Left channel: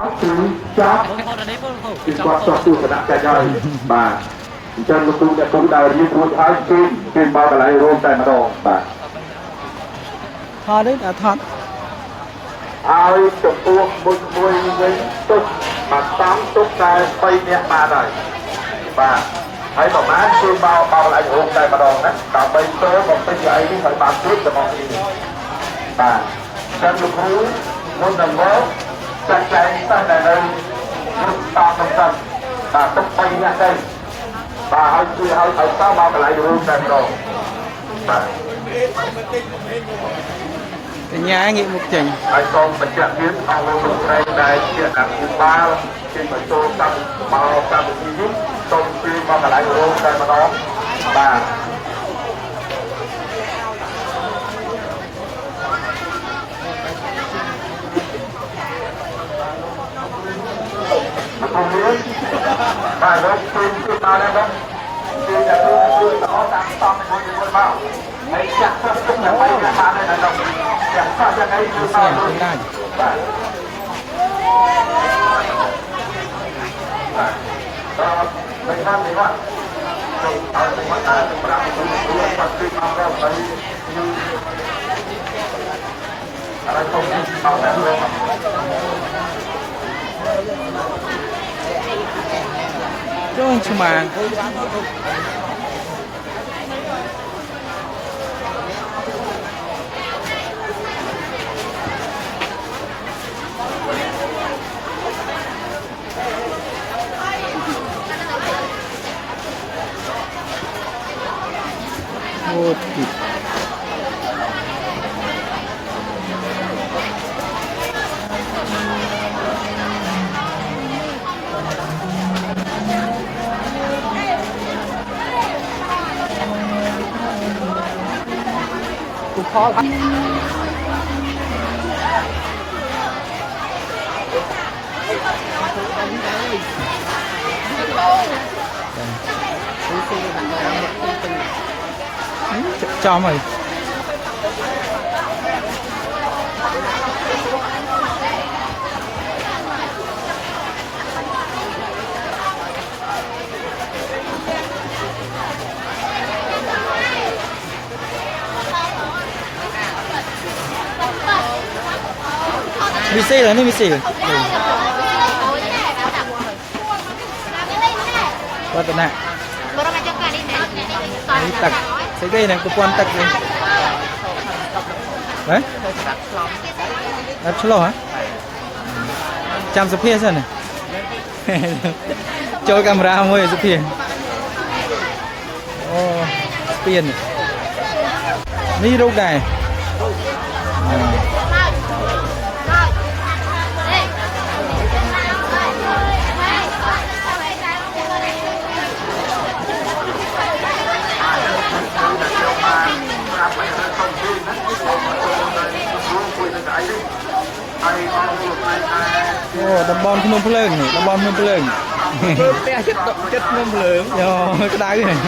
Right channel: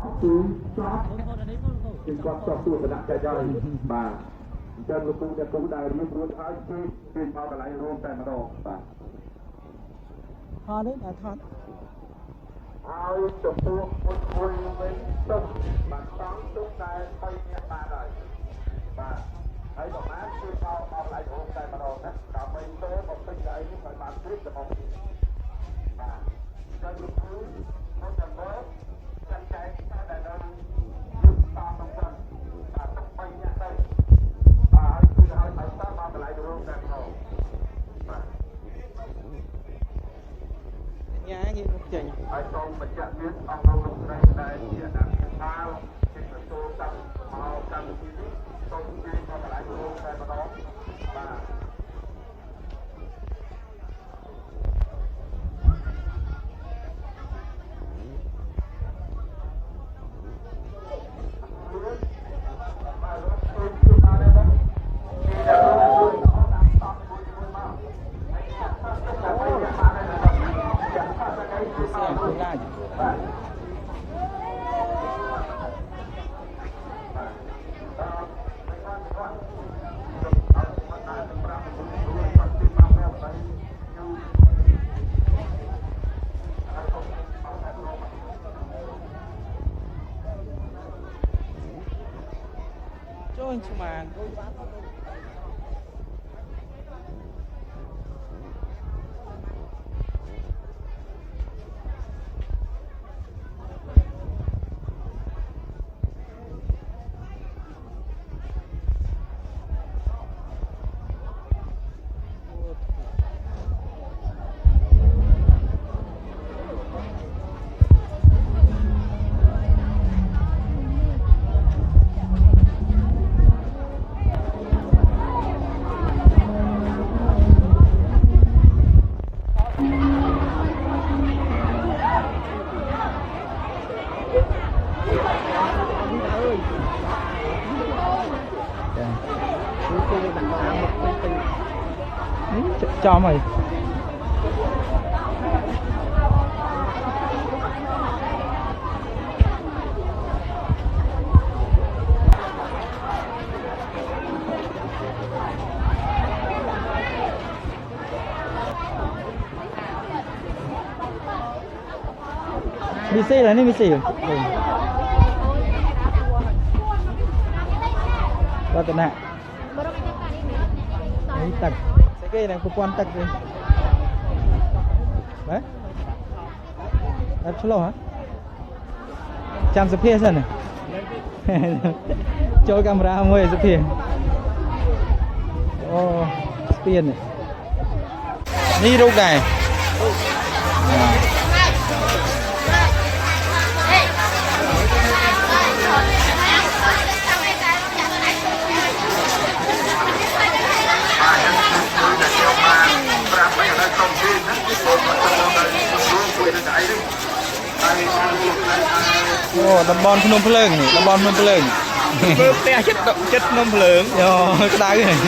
ចាប់ពីគាត់ចោះទូសនៈចែកហើយបាទអញ្ចឹងលោកគ្រូអ្នកគ្រូដែលរៀនរួចហើយគេមកកន្លែងរួមតែម្ដងបាទថតទេថតឲ្យចំពោះមួយវិញទុកមកតាមទុកតែ3នាក់បានហើយបាទហើយប្រហែលគឺមកកន្លែងរួមតែម្ដងណាដើម្បីចូលបំពេញឲ្យនេះឲ្យបានគ្រប់ទាំងអស់នេះបាទចឹងលោកគ្រូមុននឹងមកចាត់ចែងតែនៅតាមសំខាន់បាទទុក3នាក់ទៅបាទឲ្យជួយឲ្យតមកកន្លែងរួមតែម្ដងបាទកញ្ញាងាកមុខចេញហើយសូមបញ្ជាក់ទៀតអង្គលោកស្រីដែលជាអភិបាលជាបញ្ចូលកម្មវិធីនេះសូមជួយមកកន្លែងរួមតែម្ដងបាទមកវិញបាទលោកជួយមកដែរបាទជួយដល់តាមស្តង់មួយមកហើយចាក់ទឹកទៅដើម្បីបានដែរដល់យ៉ាងសោះយ៉ាងអីគឺមកបាទបាទទៅតាមនេះបាទចូលឲ្យទៅមកតាមសម្រាប់ទៅបាត់ពីមកដល់ហើយอะไรទៅមកដល់ចូលឆ្មាអូទីចំហើយវិសេនេះវិសេវត្តនៈនេះទឹកស្អីគេហ្នឹងប្រព័ន្ធទឹកនេះហ៎អត់ឆ្លោះហ៎ចាំសុភាសិនចូលកាមេរ៉ាមួយសុភាអូស្ពាននេះរូបដែរអូតំបន់ភ្នំភ្លើងនេះតំបន់ភ្នំភ្លើងធ្វើផ្ទះចិត្តភ្នំភ្លើងយោក្តៅហ្នឹង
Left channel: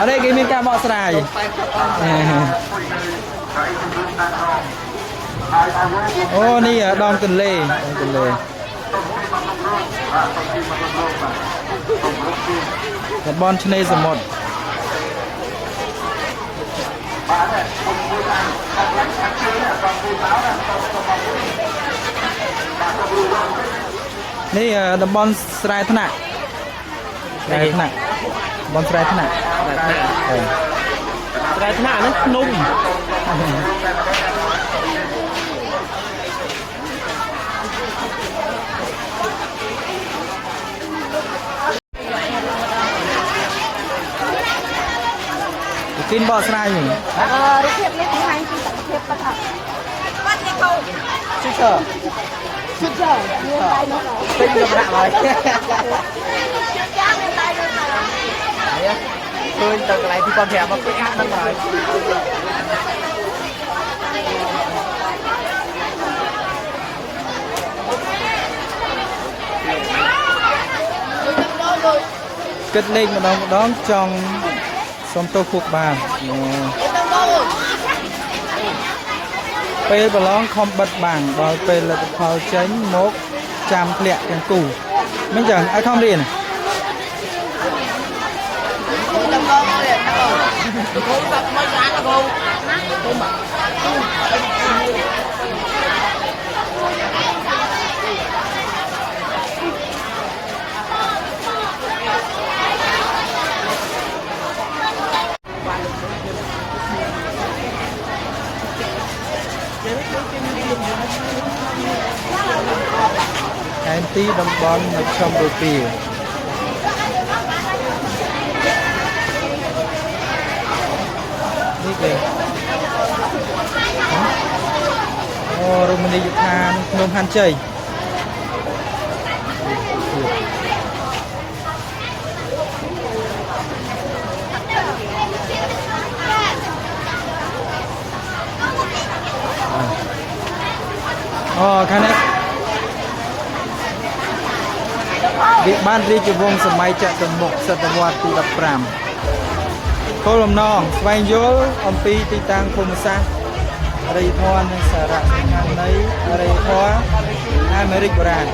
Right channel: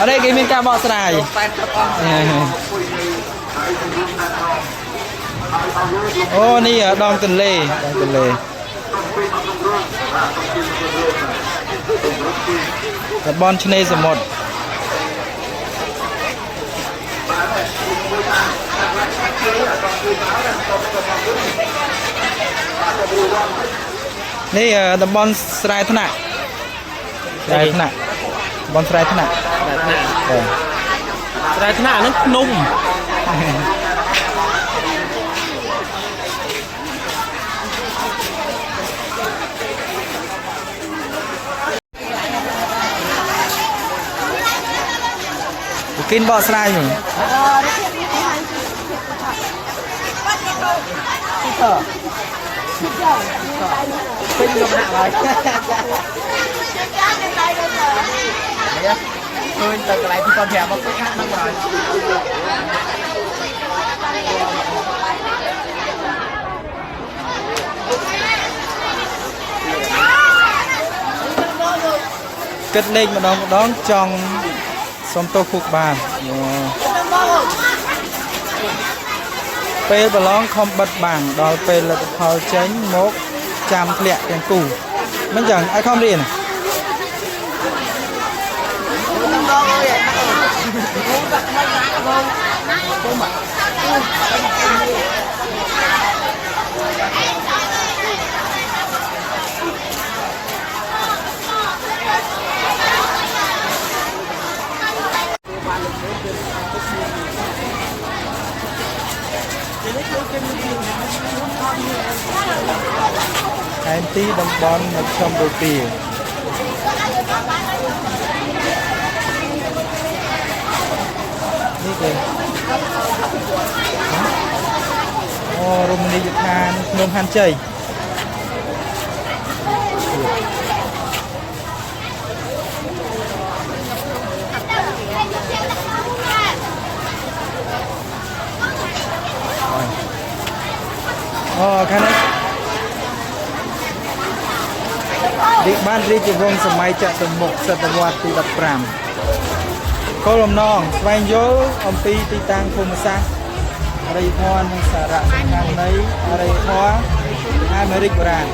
អរេគេមានការបកស្រាយអូនេះដងទន្លេតំបន់ឆ្នេរសមុទ្រនេះតំបន់ស្រែថ្នាក់តំបន់ស្រែថ្នាក់ហ្នឹងភ្នំគិនបកស្រាយហ្នឹងរូបភាពនេះគេហៅជារូបភាពបាទឈិតចូលពេញលំហាក់ហើយនេះឃើញទៅកន្លែងទីគាត់ប្រាប់មកពេញហាក់ហ្នឹងហើយគិតលេខម្ដងចង់សុំទោសខួបបាន ពេលប្រឡងខំបិទបាំងដល់ពេលលទ្ធផលចេញមកចាំធ្លាក់ទាំងគូមិនចឹងឲ្យខំរៀនខេត្តទីតំបន់នៅកម្ពុជានេះគេអូរមណីយដ្ឋានភ្នំហាន់ជ័យអូខាងនេះវិបានរាជវង្សសម័យចតុមុខសតវត្សទី15គោលបំណងស្វែងយល់អំពីទីតាំងភូមិសាស្ត្រអរិយធម៌និងសារៈសំខាន់នៃអរិយធម៌អាមេរិកបុរាណ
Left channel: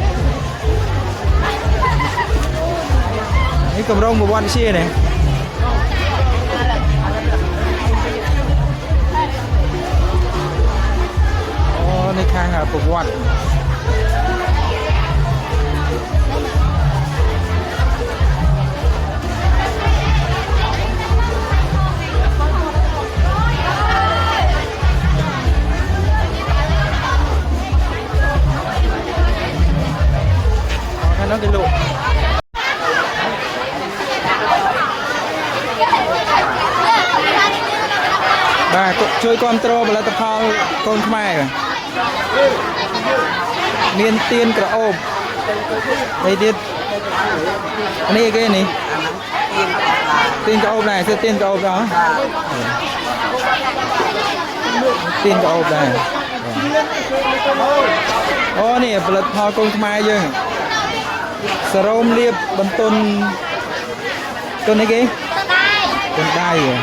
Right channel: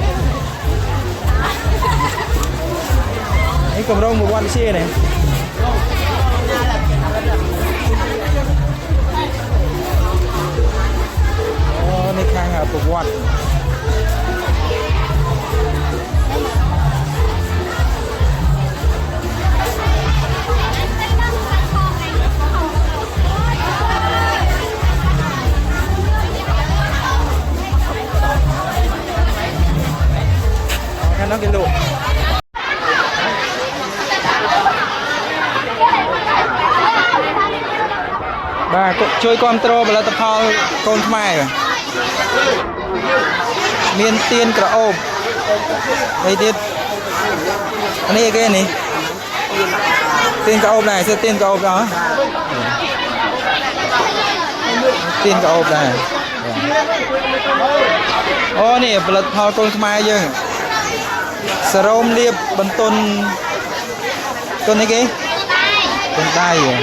នេះគម្រោងប្រវត្តិសាស្ត្រនេះអូនេះខាងប្រវត្តិnó cái lộ bà chơi control và là tập phao con mai rồi miên tiên cả ôm đây tiếp này cái này tiên cả ôm này sẽ tiên cả ôm đó tiên cả ôm này ô nè là phao con mai chứสโรมเรียบบนต้นนี้กี่ต้นได้เหรอ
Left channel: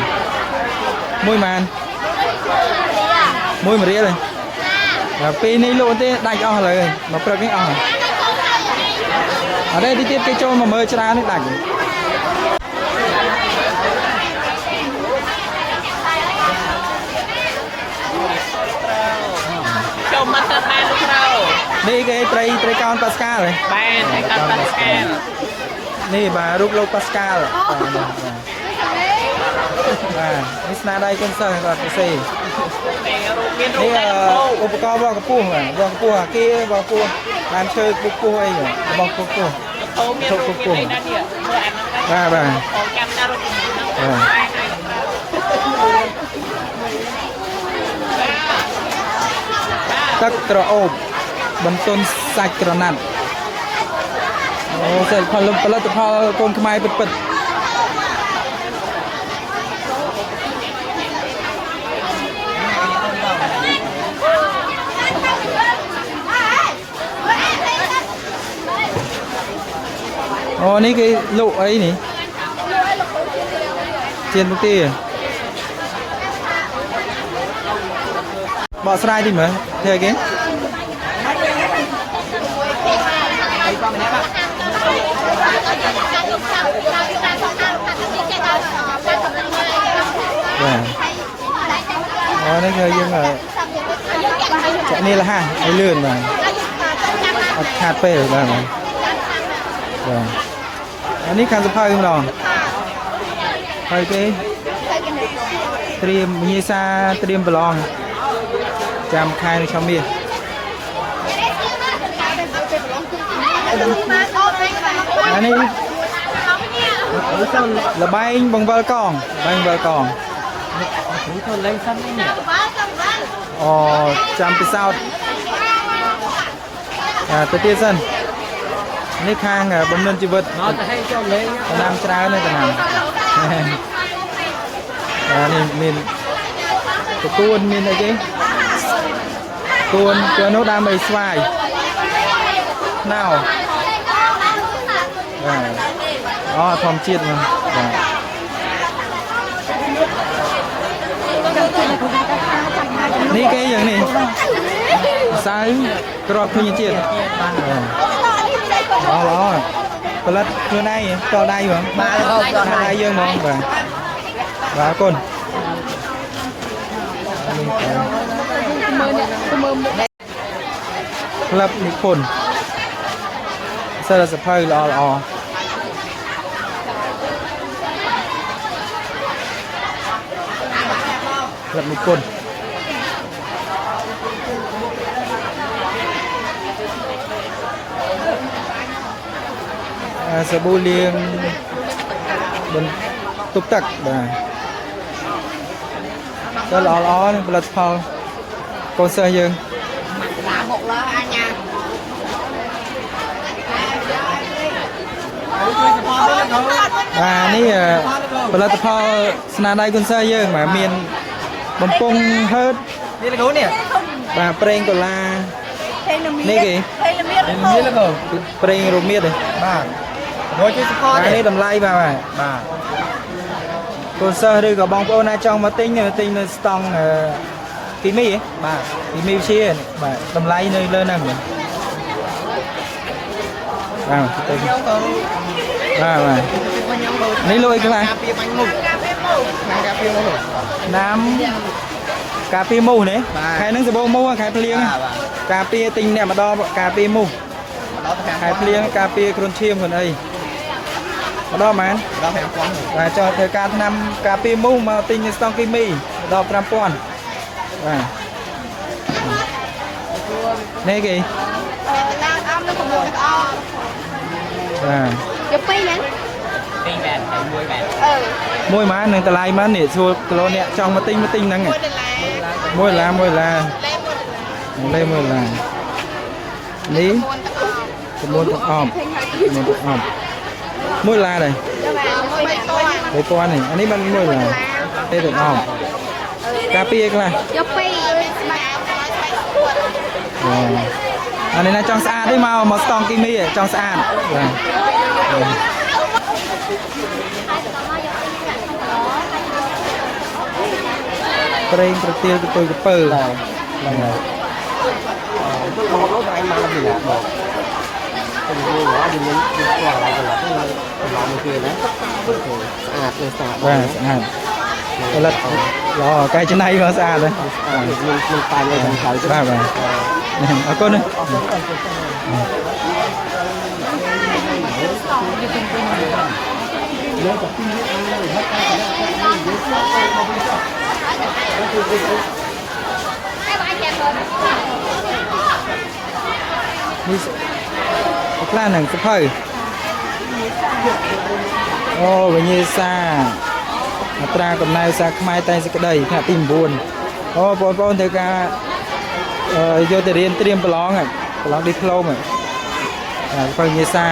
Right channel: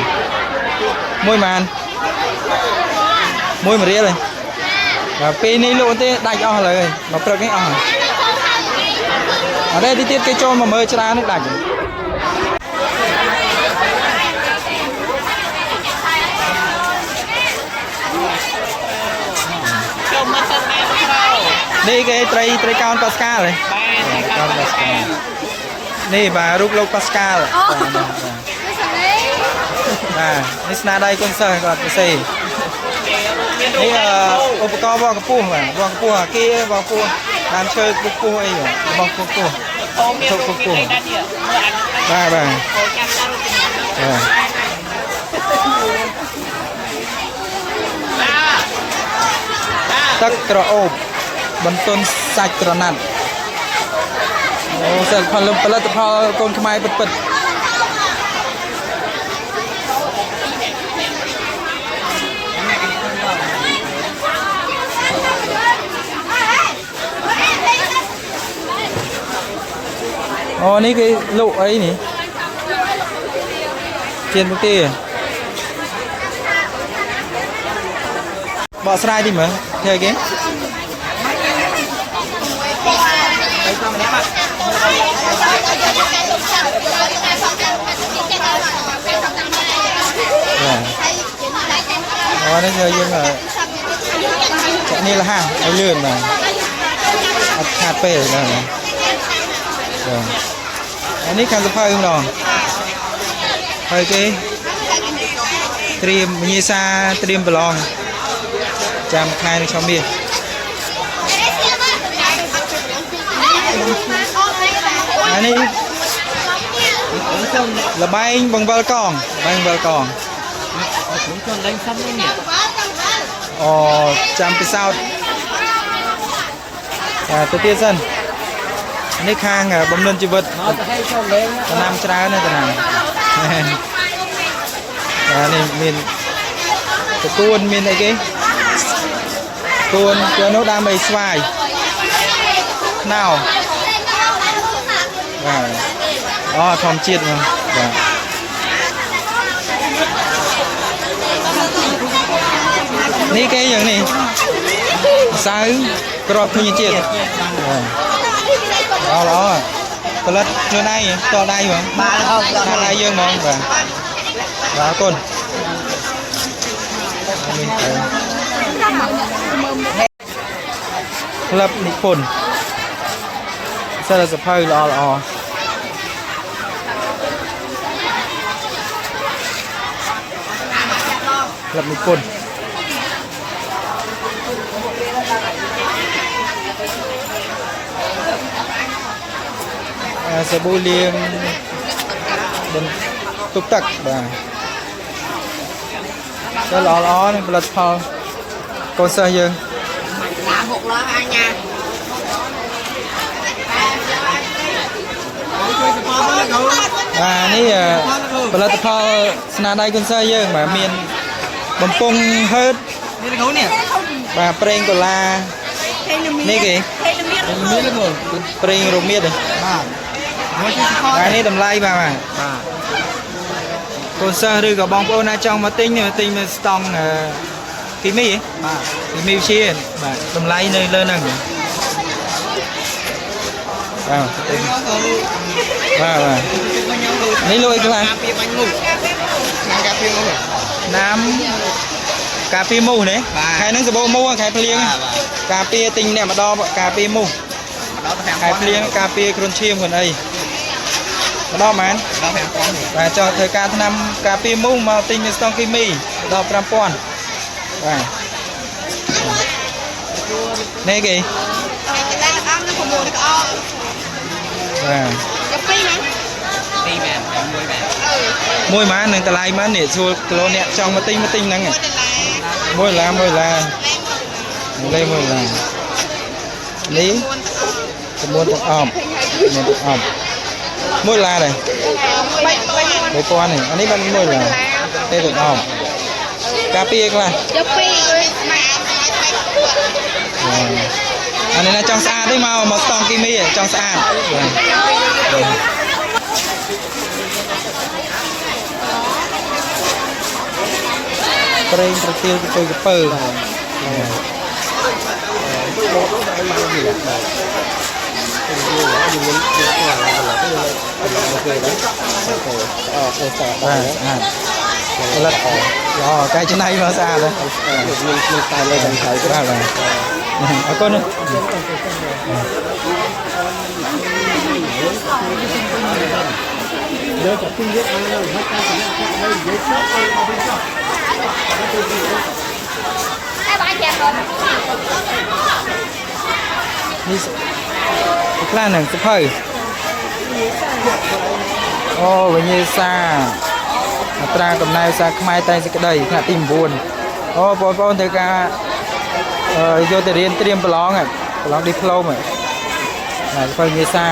มวยมันมวยมาเรียเลยปีนี้ลูกที่ได้ออกเลยมาเปิดcáiออกở đây đi tiếp cái cho mà mơ ra nó đặt đi cái tray cao Pascal rồiนี่bà rút lô Pascalนี่สนาได้công sởก่อนไปสินี่อุปกรณ์วางกระปุกว่ะวางกระปุกkiaวางกระปุกđàn chơiกระปุกไอ้เหรอวางกระปุกchụpกระปุกbà tắc trọ ốp bấm tôn sạch trọ nặngโอ้เสร็จพอลงไปแล้วจะพอโกนขมายปิดโอ้นี่cái lộ ấy nhỉ trên công ty bỏ slide đi mà theo cáiนี่เคยยังไงจะนี่ละฮะไอ้เลื่อนน่ะขาดไปเลยนะอันนี้การสะพายมั้งน้องไปเจ๊เตรียมมีซาเตรียมบอลองจำคายในช่องมีอันนี้là bánh bằng bờ con chăm cái sao tới tiên dânនេះខាងបំណិនជីវិតតំណាំច្រើនណាស់តំណាំនេះមានទទួលមានអីគេទួលចូលនោះដើមអីស្វាយខ្នោបាទអូធម្មជាតិមកបាទ នេះគេយ៉ាងនេះសៅក្របធញ្ញជាតិល្អផលិតខ្លួនឯងតដៃហ្មងបាទដៃយើងហ្មងបាទអរគុណនេះក្លឹបនិពន្ធសារសភៅល្អក្លឹបនិពន្ធសាប៊ូលាងបន្ទុកទឹកបាទតែល្អនឹងផលិតផលកូនសិស្សយើង6 lọ anh nha. បាទនេះផលិតផលស្នាដៃកូនសិស្សយើងបាទមានបំពង់ហឺតនេះលោកនេះបាទប្រេងដុល្លារនេះគេប្រេងរមៀតបាទនេះតម្លៃបាទកូនសិស្សឬក៏បងប្អូនណាចង់មកទិញមើលស្តង់គីមីបាទគីមីវិទ្យាបាទតម្លៃនៅលើហ្នឹងបាទទិញបាទនេះលុយខ្លះណាំកាពីមូសនេះខែហ្នឹងសបោមូសខែភ្លៀងកាពីទិញអ្នកម្ដងកាពីមូសខែភ្លៀងកាពីគ្រុនឈាមខ្លួនអីម្ដងមែនបាទចោលធ្វើការឆ្នាំកាពីមូសមកទិញនៅស្តង់គីមីដល់ 5000 បាទនេះគេឡើងអំនឹង6 ក្អកបាទយក2មែន2មែនមួយម៉ាននឹងតម្លៃម៉ាននេះសួរគីឡូអ្នកចង់មកទិញហ្នឹង1 ដុល្លារលេ1 ដុល្លារនេះចំនួនទឹកអប់1 ដុល្លារដែរ3000នេះអានេះបាន1 ដុល្លារទេទឹកអប់កាពីខ្លះយក2អានេះណាចង់ស្អាតទេមកស្តង់គីមីចង់ស្អាតបាទប្រេងប្រទាលកពើស្អាតផលិតល្អកែច្នៃមកស្អាតហ្នឹងមានតែលើបងថៃបាទអរគុណនេះខ្លះហ្នឹងសភៅអូវិញ្ញាសាអត្រាកំណែសាខ្មែរតែសេចក្តីថ្នាក់ទី 9 អូបងប្អូនត្រូវការយកទៅរៀនត្រៀមប្រឡងឌីប្លូមបាទសភៅវិញ្ញាសា